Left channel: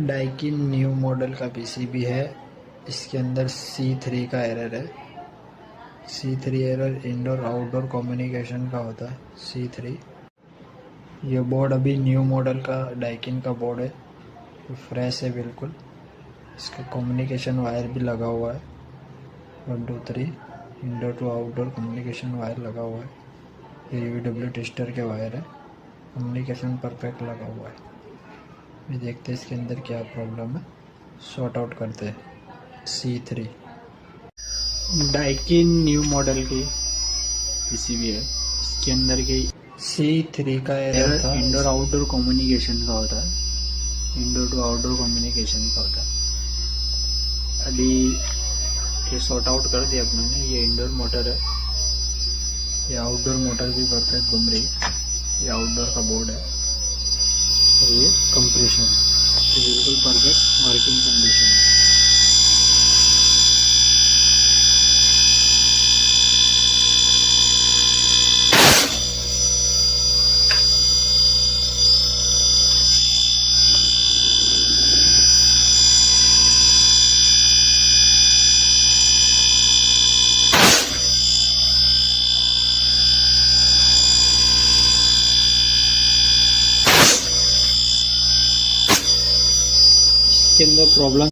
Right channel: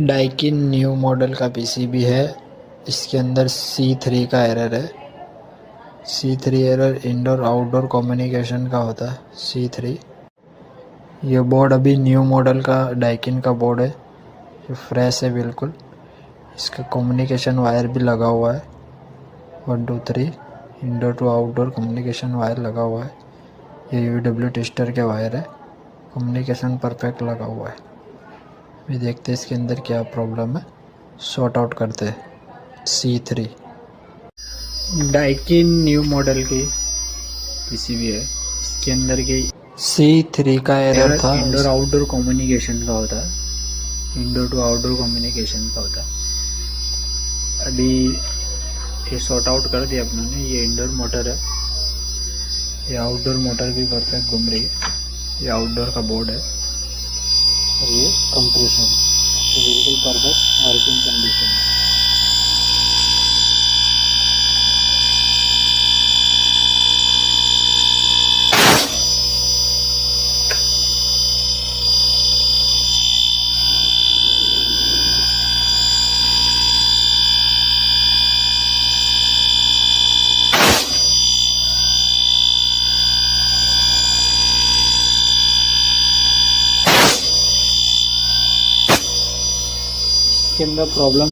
Daikin new model का PCB है। इसके अंदर C3 का एरर है। C3 error indoor outdoor communication का होता है। C3 ये बोर्ड अभी न्यू मॉडल का डाइकिन का बोर्ड है, ये फ्रेश है बिल्कुल। इसका कम्युनिकेशन वायर भी लगा हुआ है। 1 2 3 indoor to outdoor communication wire लगा हुआ है। ये UW टेस्टर के वायर है। कम्युनिकेशन परफेक्ट लगा हुआ है। अभी देखते हैं इसके अंदर क्या प्रॉब्लम है, सॉर्ट आउट करते हैं। C3 डाइकिन न्यू मॉडल की पीसीबी है। इसके अंदर की C3 का एरर था। इंडोर आउटडोर कम्युनिकेशन का होता है। इंडोर टू आउटडोर कम्युनिकेशन का होता है। अभी ये सॉर्ट आउट कर दिया अपनों ने। ये इंडोर मोटर है, ये आउटडोर मोटर भी परफेक्ट घूम रही है। ये आउटडोर का बोर्ड है और ये कंप्रेशन है, ये बिल्कुल परफेक्ट वर्किंग कंडीशन है। इसके अंदर प्रॉब्लम